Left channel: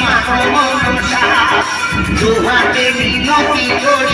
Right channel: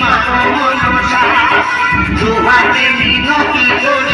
মাগো মনসা দুহাতে মিনতি করি।